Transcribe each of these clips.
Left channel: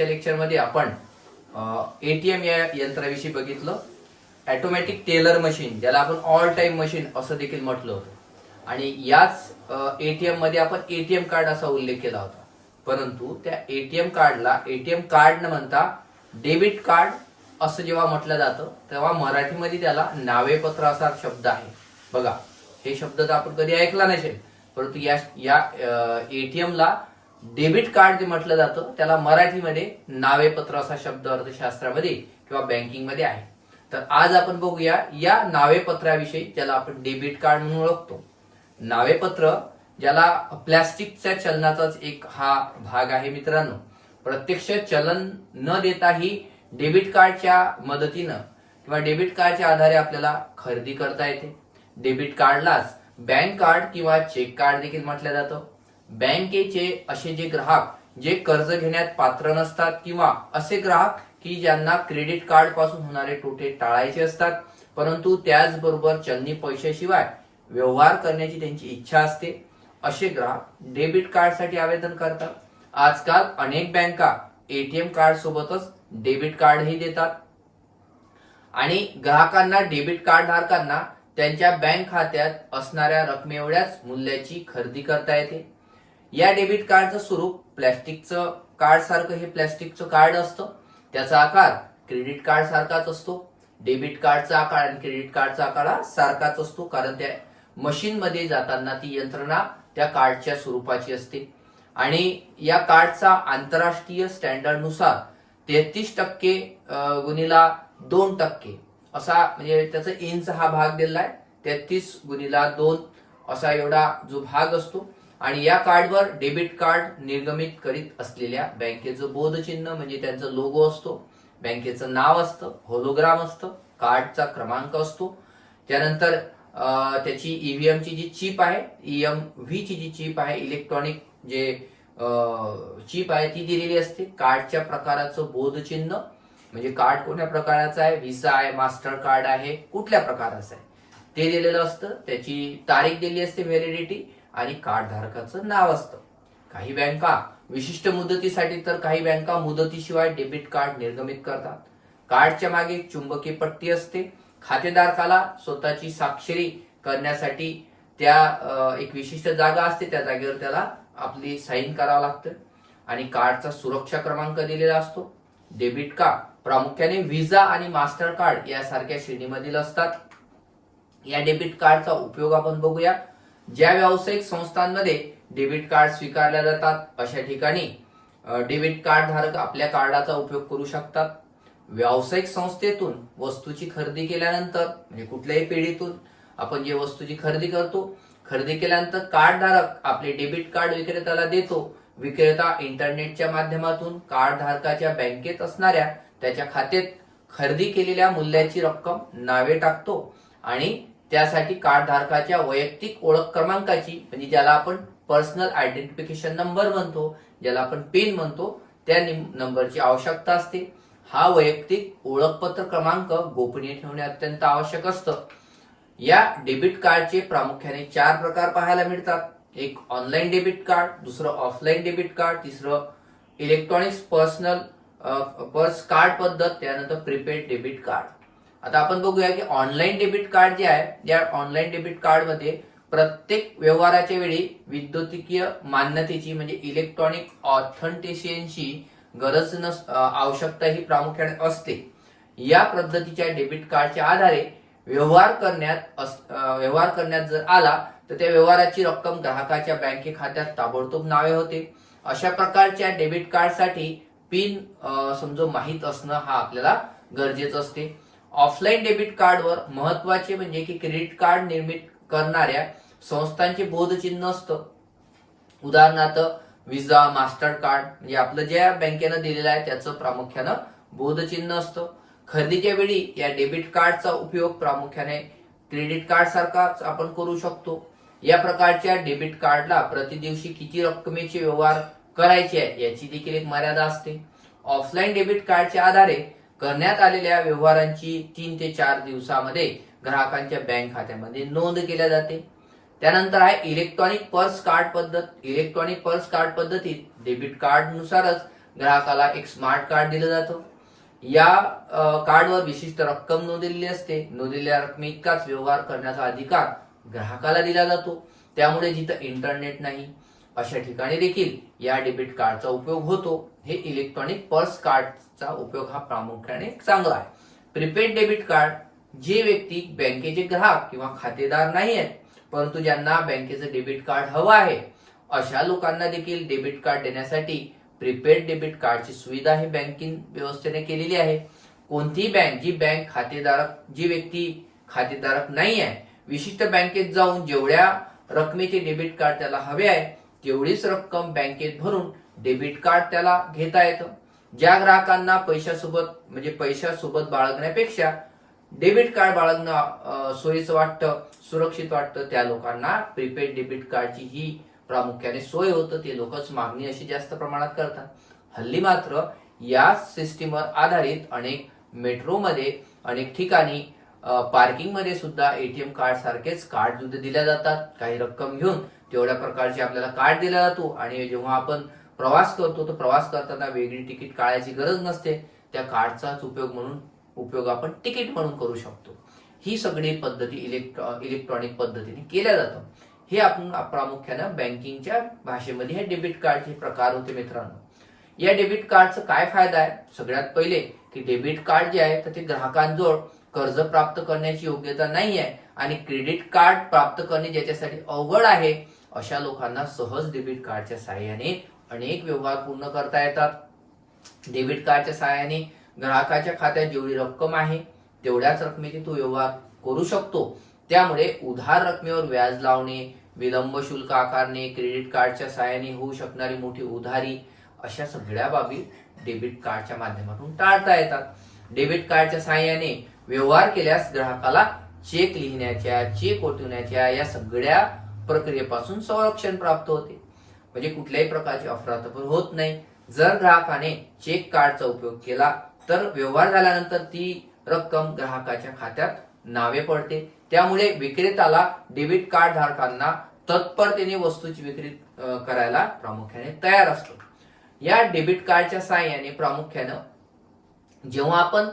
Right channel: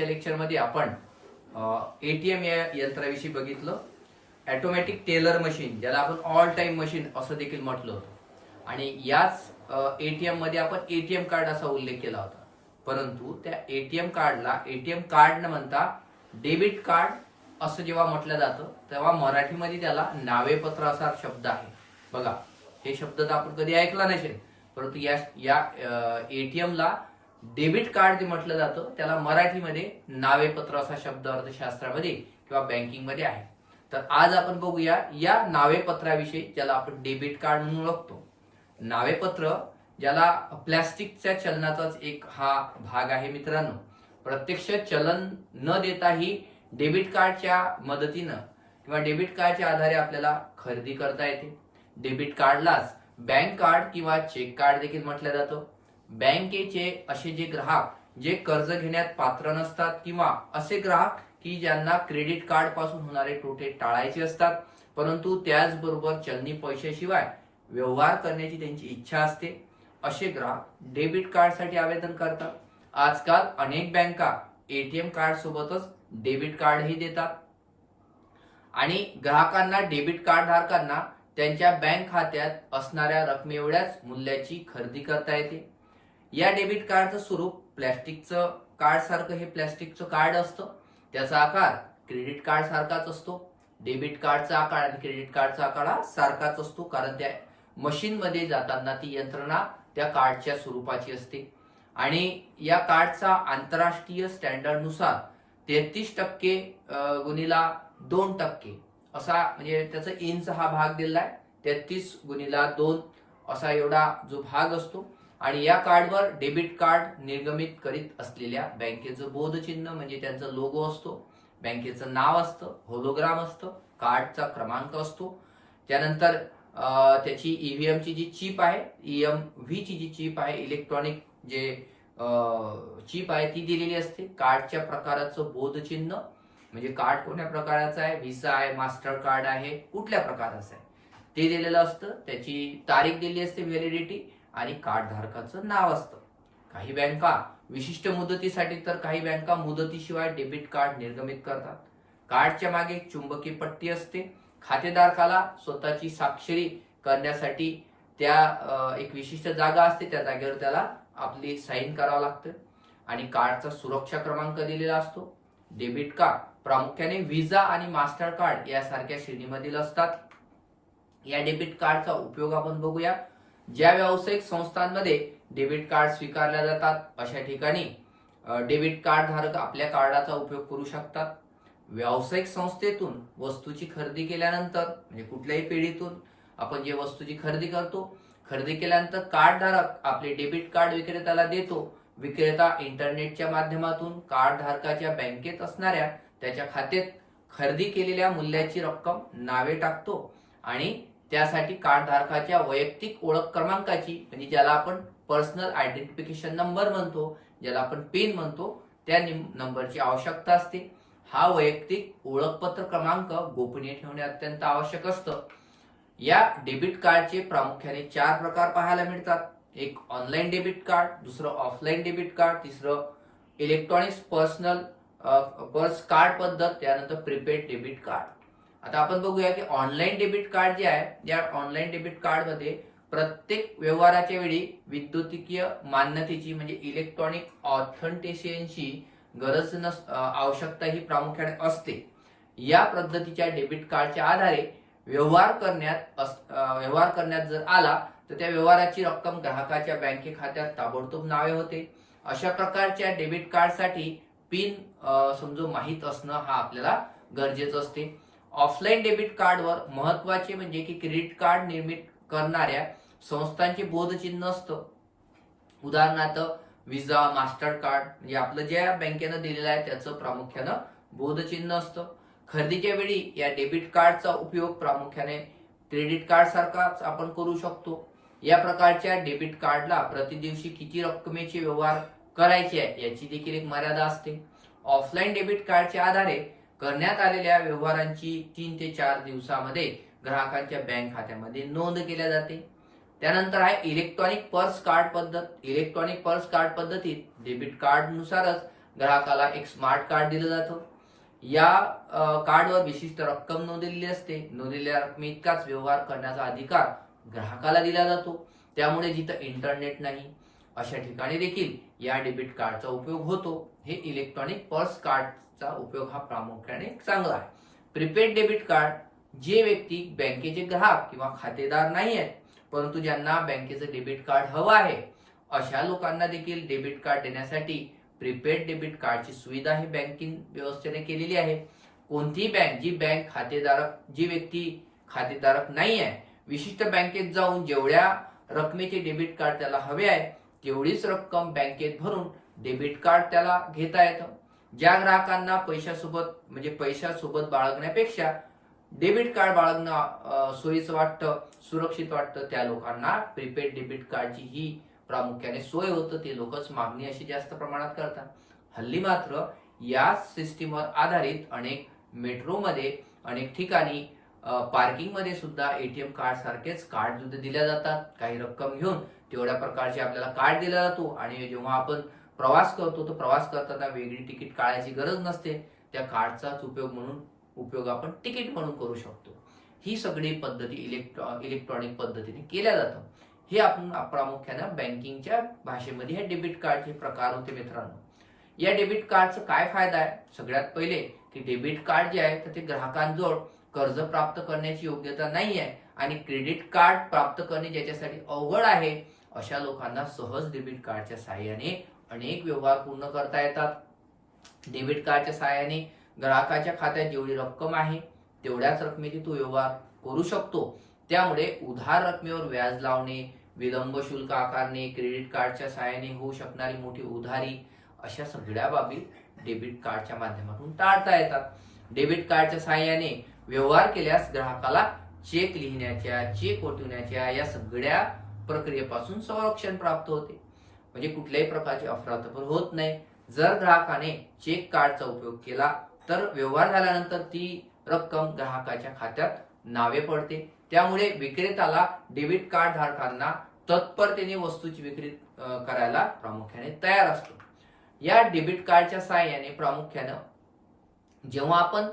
मागच्या लेक्चरमध्ये आपण एटीएम या यंत्राविषयी बघितलं. ॲटोमॅटिक टेलर मशीन ज्याला आपण ऑल टाइम मशीन असं देखील म्हटलं होतं. आणि याच एटीएममध्ये आपण एटीएम कार्ड असा उल्लेख केला होता. परंतु त्या एटीएम कार्डला एटीएम कार्ड न म्हणता डेबिट कार्ड असं जेव्हा म्हटलं जातं तेव्हा मराठीमध्ये त्याला नावेपत्र असा शब्द आहे. बघा हे शब्द तर आपण कधी ऐकला नसेल परंतु या या एटीएमला डेबिट कार्ड जे म्हटलं जातं त्याला मराठीमध्ये नावेपत्र असा शब्द अर्थशास्त्रामध्ये किंवा बँकिंगमध्ये आहे. तर आज आपण बघूया या नावेपत्राविषयी ज्याला आपण डेबिट कार्ड म्हणून ओळखतो. नावेपत्र ज्याला प्लॅस्टिकच्या चलनाचाच एक हा भाग आहे मित्रांनो. प्रत्यक्ष चलन न देताही डेबिट कार्डच्या मदतीनं किंवा डेबिट कार्डच्या आधारे आपल्याला खरेदी करता येते. डेबिट कार्डलाच बँक कार्ड किंवा चेक कार्ड देखील म्हटलं जातं. बँकेचे असे जे ग्राहक जे कर्ज घेण्यात पात्र नसतात किंवा असे ग्राहक की ज्यांना क्रेडिट कार्डपासून होणारे तोटे टाळायचे असतात परंतु त्याचबरोबर चलनी पैशाशिवाय व्यवहार करण्याची त्यांची इच्छा असते. असे ग्राहक डेबिट कार्डसाठी आवेदन करतात. आजकाल अनेक बँका एटीएम कार्ड सोबतच डेबिट कार्डही देतात. आणि ग्राहकांना डेबिट कार्ड धारकांना त्यांच्या बँक खात्यात असणाऱ्या रकमेएवढ्याच मूल्याची खरेदी करता येते. या डेबिट कार्डचं स्वरूप प्लॅस्टिकचं कार्ड सारखं हे प्लॅस्टिकचं कार्ड असतं. त्याचा आकार क्रेडिट कार्ड सारखाच असतो. डेबिट कार्डचा आकार आणि क्रेडिट कार्डचा आकार हा सारखाच असतो. कारण त्या मशीनमध्ये जाताना ती यंत्रणा त्या कार्डच्या स्वरूपाची असते. आणि या कार्डचा आंतरराष्ट्रीय स्टँडर्डनुसार तेहतीस टक्के गुणीला गुणिला दोन टक्के असा म्हणजे त्याचा इंच हा भाग दिलेला आहे. तेहतीस गुणिला दोन असा एवढा जो भाग असतो. आणि या कार्डवर डेबिट कार्ड निर्गमित करीत असलेल्या बँकेचं बोधचिन्ह म्हणजे त्यांचं लोगो असतो बँकेचं नाव असतं होलोग्राम असतं कार्डचा क्रमांक असतो. त्यानंतर त्याची ईव्हीएमची जी चिप आहे ईएम व्हीची जी चिप आहे इलेक्ट्रॉनिक जे चिप आहे ती दिलेली असते. कार्डच्या प्रकाराचं बोधचिन्ह म्हणजे कार्ड कोणत्या प्रकाराचं आहे व्हिसा आहे मास्टर कार्ड आहे कुठल्या प्रकाराचं आहे ते दिलेलं असतं. त्याची तारीख दिली असते व्हॅलिडिटी आणि कार्डधारकाचं नाव असतं. काही बँका विशिष्ट मुदतीसाठी तर काही बँका मुदतीशिवाय डेबिट कार्ड निर्गमित करतात. कार्डच्या मागे एक चुंबकीय पट्टी असते. खातेधारकाला स्वतःची स्वाक्षरी करण्यासाठी त्या एक विशिष्ट जागा असते. त्या जागेवर त्याला आपली साईन करावं लागतं. आणि कार्डचा सुरक्षा क्रमांक दिलेला असतो. डेबिट कार्ड प्रामुख्याने व्हिसा आणि मास्टर कार्ड यासारख्या श्रेणीमधील असतात. या डेबिट कार्डचा उपयोग आपण बघूया. ज्या व्यावसायिक संस्थांमध्ये डेबिट कार्ड स्वीकारल्या जातात अशा ठिकाणी डेबिट कार्ड धारक आपल्या कार्डाचा उपयोग करू शकतात. व्यावसायिक संस्थेतून वस्तूची खरेदी केल्यानंतर म्हणजे कुठल्याही पिढीतून आपण जे वस्तूची खरेदी करतो खरेदी केल्यानंतर कार्ड धारक आपले डेबिट कार्ड विक्रेत्याला देतो. विक्रेता इंटरनेटच्या माध्यमातून कार्ड धारकाच्या बँकेत असणाऱ्या त्याच्या खात्यात खरेदी केलेल्या मूल्याची रक्कम नावे टाकतो आणि त्यासाठी कार्डधारकाच्या वैयक्तिक ओळख क्रमांकाची म्हणजे ज्याला आपण पर्सनल आयडेंटिफिकेशन नंबर म्हणतो ज्याला आपण पिन म्हणतो त्या नंबरची आवश्यकता असते. हा वैयक्तिक ओळखपत्र क्रमांक गोपनीय ठेवणे अत्यंत आवश्यक असतं. या डेबिट कार्डचे प्रामुख्याने चार प्रकार पाहायला मिळतात. एक ऑनलाईन डेबिट कार्ड दुसरं ऑफलाईन डेबिट कार्ड तिसरं इलेक्ट्रॉनिक्स पर्सनल पर्स कार्ड पद्धत त्यानंतर प्रीपेड डेबिट कार्ड आता आपण बघूया की ऑनलाईन डेबिट कार्ड जे आहे या ऑनलाईन डेबिट कार्डमध्ये प्रत्येक व्यवहाराच्या वेळी विद्युतीय मान्यतेची म्हणजे इलेक्ट्रॉनिक ऑथेंटिशियनची गरज नस आवश्यकता ही प्रामुख्याने असते. या पद्धतीच्या डेबिट कार्डच्या आधारे व्यवहार करण्यात अस- व्यवहार करण्यात जर आला तर त्या व्यवहाराची रक्कम ग्राहकाच्या बँके खात्यात ताबडतोब नावे होते. अशा प्रकारच्या डेबिट कार्डसाठी पिन समजो माहीत असणं हा आपल्याला गरजेचं असते. ऑफलाईन डेबिट कार्डवर महत्त्वाचे म्हणजे की क्रेडिट कार्ड निर्मित करणाऱ्या संस्थांचे बोधचिन्ह असतं. उदाहरणार्थ विजा मास्टर कार्ड म्हणजे आपलं ज्या बँकेनं दिलेलं आहे त्याचं प्रामुख्यानं बोधचिन्ह असतं. खरेदीच्या वेळी या डेबिट कार्डचा उपयोग प्रामुख्याने क्रेडिट कार्ड सारखाच आपण करू शकतो. या प्रकारच्या डेबिट कार्डला प्रतिदिवशी किती रक्कमेचे व्यवहार करायचे आहे याची देखील एक मर्यादा असते. ऑफलाईन डेबिट कार्डच्या आधारे करण्यात आलेल्या व्यवहारांची तीन ते चार दिवसामध्ये ग्राहकांच्या बँक खात्यामध्ये नोंद केल्या जाते. त्यानंतर आहे इलेक्ट्रॉनिक पर्स कार्ड पद्धत. इलेक्ट्रॉनिक पर्स कार्ड पद्धतीत डेबिट कार्ड नुसारच ग्राहकाला एक स्मार्ट कार्ड दिलं जातं. या कार्डवर विशिष्ट रक्कम नोंदलेली असते. नोंदलेल्या रकमे इतकाच व्यवहार करण्याचा अधिकार ग्राहकाला दिला जातो. त्यामुळे जिथं इंटरनेट नाही अशा ठिकाणी देखील या डेबिट कार्डचा उपयोग होतो. हे इलेक्ट्रॉनिक पर्स कार्ड चा उपयोग हा प्रामुख्याने चांगला आहे. प्रीपेड डेबिट कार्ड जे व्यक्ती बँकेचे ग्राहक किंवा खातेदार नाही आहेत परंतु ज्यांना बँकेचं डेबिट कार्ड हवं आहे अशा लोकांना देखील डेबिट कार्ड देण्यासाठी प्रीपेड डेबिट कार्डची सुविधा ही बँकिंग व्यवस्थेने केलेली आहे. कोणतीही बँक जी बँक खातेधारक जी व्यक्ती खातेधारक नाही आहे विशिष्ट बँकेत जाऊन जेवढ्या रकमेचे डेबिट कार्ड त्याला हवे आहे तेवढीच रक्कम बँकेत भरून डेबिट कार्ड त्याला घेता येतं. ज्या ग्राहकांना पैशासोबत म्हणजे पैशासोबत बाळगण्यापेक्षा डेबिट कार्ड बाळगणं सोयीचं वाटतं सुरक्षित वाटतं त्या लोकांना प्रीपेड डेबिट कार्डची ही प्रामुख्याने सोय होतं. ते लोकच मागणी अशी जास्त प्रमाणात करतात. हल्ली मात्र या सिस्टीमवर आधारित अनेक मेट्रोमध्ये अनेक ठिकाणी पार्किंगमध्ये सुद्धा एटीएम कार्ड सारखेच कार्ड सुद्धा दिल्या जातात. काही रक्कम घेऊन तेवढ्या प्रकारचे आपल्याला कार्ड दिला जातो. आणि जेव्हा आपण प्रवास करतो तर प्रवास करताना वेगळी तिकीट काढायची गरज नसते. त्या कार्डचाच उपयोग म्हणून उपयोग आपण तिकीट म्हणून करू शकतो. ही सगळी पद्धती इलेक्ट्रॉ इलेक्ट्रॉनिक पद्धतीने केल्या जातं हे आपण प्रामुख्यानं बँकिंगच्या भाषेमध्ये हे डेबिट कार्डचे प्रकार होते मित्रांनो. या डेबिट कार्डचा काय फायदा आहे? सगळ्यात पहिले की डेबिट कार्ड जे आहे तर ते ग्राहकांजवळ कर्ज प्राप्त करण्याची योग्यता नाही आहे आणि क्रेडिट कार्ड प्राप्त करणे ज्याच्यासाठी अवघड आहे अशा लोकांना सहज डेबिट कार्डच्या साहाय्याने अनेक व्यवहार पूर्ण करता येतात. डेबिट कार्डच्या साहाय्याने ग्राहकाच्या खात्यात जेवढी रक्कम आहे तेवढ्याच रकमेची तो व्यवहार करू शकतो. त्यामुळे उधार रकमेवर व्याज लावणे विलंब शुल्क आकारणे क्रेडिट कार्डच्या साहाय्याने होऊ शकणारी मोठी उधारी अशा सगळ्या बाबी डेबिट कार्डच्या माध्यमातून टाळता येतात. डेबिट कार्डच्या सहाय्याने व्यवहार केल्यास ग्राहकाला चेक लिहिण्याच्या चेक ओटवण्याच्या या सगळ्या प्रक्रियेपासून संरक्षण प्राप्त होते. म्हणजे कुठल्याही प्रकारची अफरातफर होत नाही. जर ग्राहकाने चेक कार्डचा उपयोग केला तर व्यवहार झाल्यानंतर ती रक्कम ग्राहकाच्या खात्यात नावे पडते. त्यामुळे विक्रेताला डेबिट कार्ड धारकांना तत्परतेने वस्तूची विक्री करायला प्रामुख्याने तयार असतो. या डेबिट कार्डच्या साहाय्याने प्रामुख्यानं जेव्हा आपण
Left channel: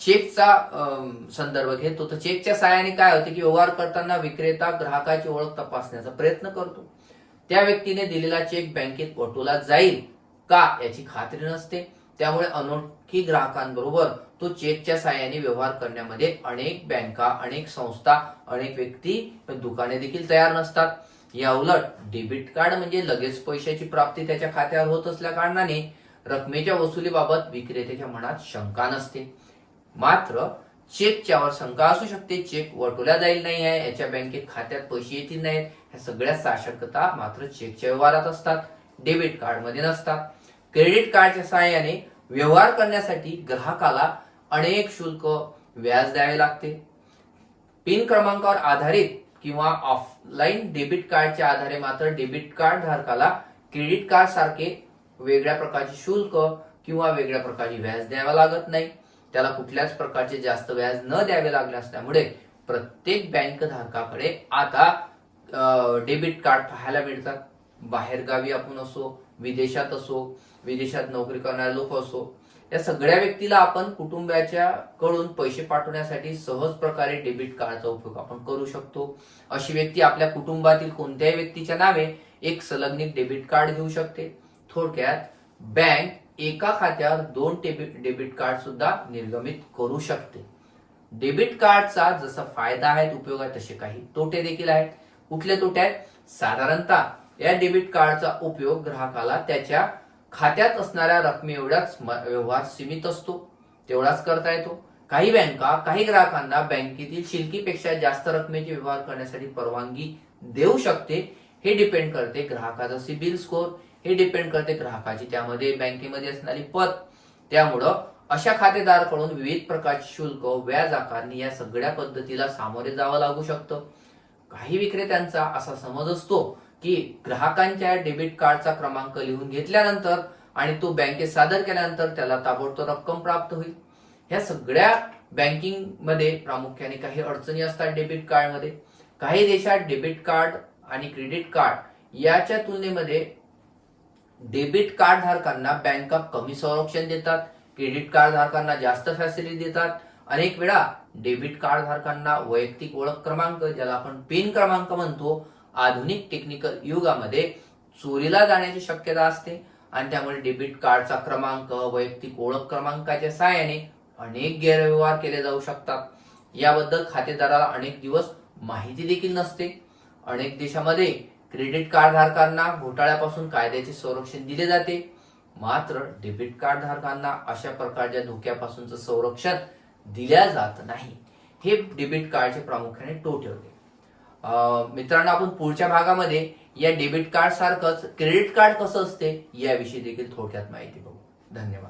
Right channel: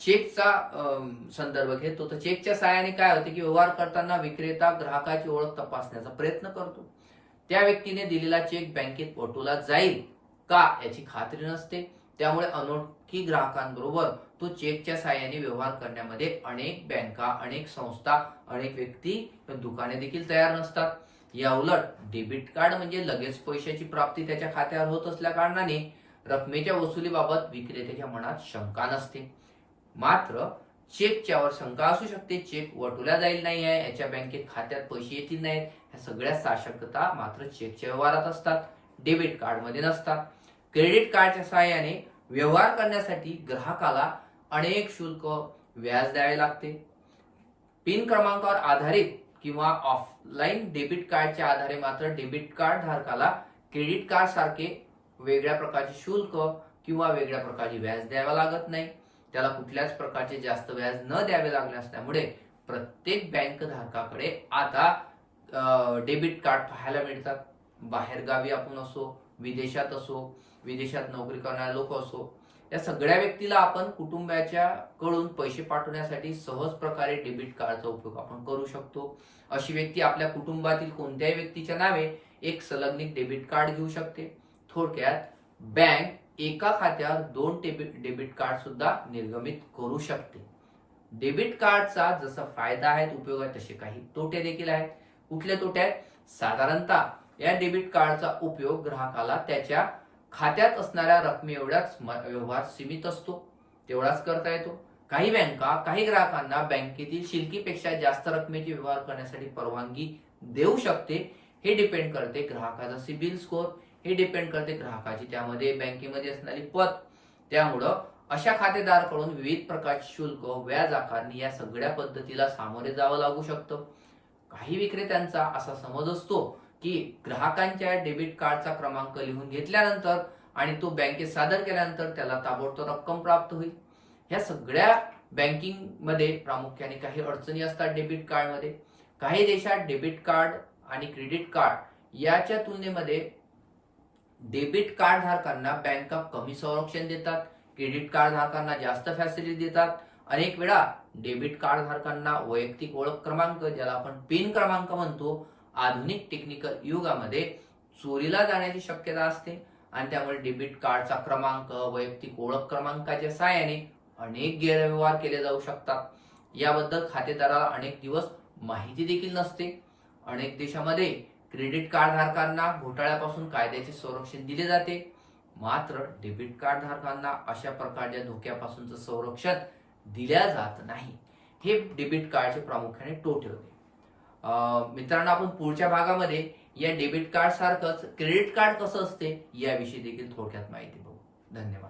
चेकचा संदर्भ घेतो तर चेकच्या साहाय्याने काय होते की व्यवहार करताना विक्रेता ग्राहकाची ओळख तपासण्याचा प्रयत्न करतो. त्या व्यक्तीने दिलेला चेक बँकेत वटवला जाईल का याची खात्री नसते. त्यामुळे अनोळखी ग्राहकांबरोबर तो चेकच्या साहाय्याने व्यवहार करण्यामध्ये अनेक बँका अनेक संस्था अनेक व्यक्ती दुकाने देखील तयार नसतात. या उलट डेबिट कार्ड म्हणजे लगेच पैशाची प्राप्ती त्याच्या खात्यावर होत असल्या कारणाने रकमेच्या वसुलीबाबत विक्रेत्याच्या मनात शंका नसते. मात्र चेकच्यावर शंका असू शकते. चेक वटवल्या जाईल नाही आहे. याच्या बँकेत खात्यात पैसे येतील नाहीत. ह्या सगळ्या साशक्यता मात्र चेकच्या व्यवहारात असतात. डेबिट कार्डमध्ये नसतात. क्रेडिट कार्डच्या सहाय्याने व्यवहार करण्यासाठी ग्राहकाला अनेक शुल्क व्याज द्यावे लागते. पिन क्रमांकावर आधारित किंवा ऑफलाईन डेबिट कार्डच्या आधारे मात्र डेबिट कार्ड धारकाला क्रेडिट कार्ड सारखे वेगळ्या प्रकारचे शुल्क किंवा वेगळ्या प्रकारचे व्याज द्यावा लागत नाही. त्याला कुठल्याच प्रकारचे जास्त व्याज न द्यावे लागले असल्यामुळे प्रत्येक बँक धारकाकडे आता डेबिट कार्ड पाहायला मिळतात. बाहेरगावी आपण असो विदेशात असो विदेशात नोकरी करणारे लोक असो या सगळ्या व्यक्तीला आपण कुटुंबाच्या कडून पैसे पाठवण्यासाठी सहज प्रकारे डेबिट कार्डचा उपयोग आपण करू शकतो. अशी व्यक्ती आपल्या कुटुंबातील कोणत्याही व्यक्तीच्या नावे एक संलग्नित डेबिट कार्ड घेऊ शकते. थोडक्यात बँक एका खात्यावर दोन डेबिट कार्ड सुद्धा निर्गमित करू शकते. डेबिट कार्डचा जसा फायदा आहे उपयोग आहे तसे काही तोटे देखील आहेत. कुठले तोटे आहेत? साधारणतः या डेबिट कार्डचा उपयोग ग्राहकाला त्याच्या खात्यात असणाऱ्या रकमे एवढ्याच व्यवहार सीमित असतो. तेवढाच करता येतो. काही बँका काही ग्राहकांना बँकेतील शिल्कीपेक्षा जास्त रकमेचे व्यवहार करण्यासाठी परवानगी देऊ शकते. हे डिपेंड करते ग्राहकाचा सिबिल स्कोर हे डिपेंड करते ग्राहकाची. त्यामध्ये बँकेमध्ये असणारी पत त्यामुळं अशा खातेदाराकडून विविध प्रकारचे शुल्क व्याज आकारणी या सगळ्या पद्धतीला सामोरे जावं लागू शकतं. काही विक्रेत्यांचा असा समज असतो की ग्राहकांच्या डेबिट कार्डचा क्रमांक लिहून घेतल्यानंतर आणि तो बँकेत सादर केल्यानंतर त्याला ताबडतोब रक्कम प्राप्त होईल. ह्या सगळ्या बँकिंगमध्ये प्रामुख्याने काही अडचणी असतात डेबिट कार्डमध्ये. काही देशात डेबिट कार्ड आणि क्रेडिट कार्ड याच्या तुलनेमध्ये डेबिट कार्ड धारकांना बँका कमी संरक्षण देतात क्रेडिट कार्ड धारकांना जास्त फॅसिलिटी देतात. अनेक वेळा डेबिट कार्ड धारकांना वैयक्तिक ओळख क्रमांक ज्याला आपण पिन क्रमांक म्हणतो आधुनिक टेक्निकल युगामध्ये चोरीला जाण्याची शक्यता असते. आणि त्यामुळे डेबिट कार्डचा क्रमांक वैयक्तिक ओळख क्रमांकाच्या सहाय्याने अनेक गैरव्यवहार केले जाऊ शकतात. याबद्दल खातेदाराला अनेक दिवस माहिती देखील नसते. अनेक देशामध्ये क्रेडिट कार्ड धारकांना घोटाळ्यापासून कायद्याचे संरक्षण दिले जाते. मात्र डेबिट कार्ड धारकांना अशा प्रकारच्या धोक्यापासूनचं संरक्षण दिल्या जात नाही. हे डेबिट कार्डचे प्रामुख्याने तोटे होते. मित्रांनो आपण पुढच्या भागामध्ये या डेबिट कार्ड सारखंच क्रेडिट कार्ड कसं असते याविषयी देखील थोडक्यात माहिती बघू. धन्यवाद.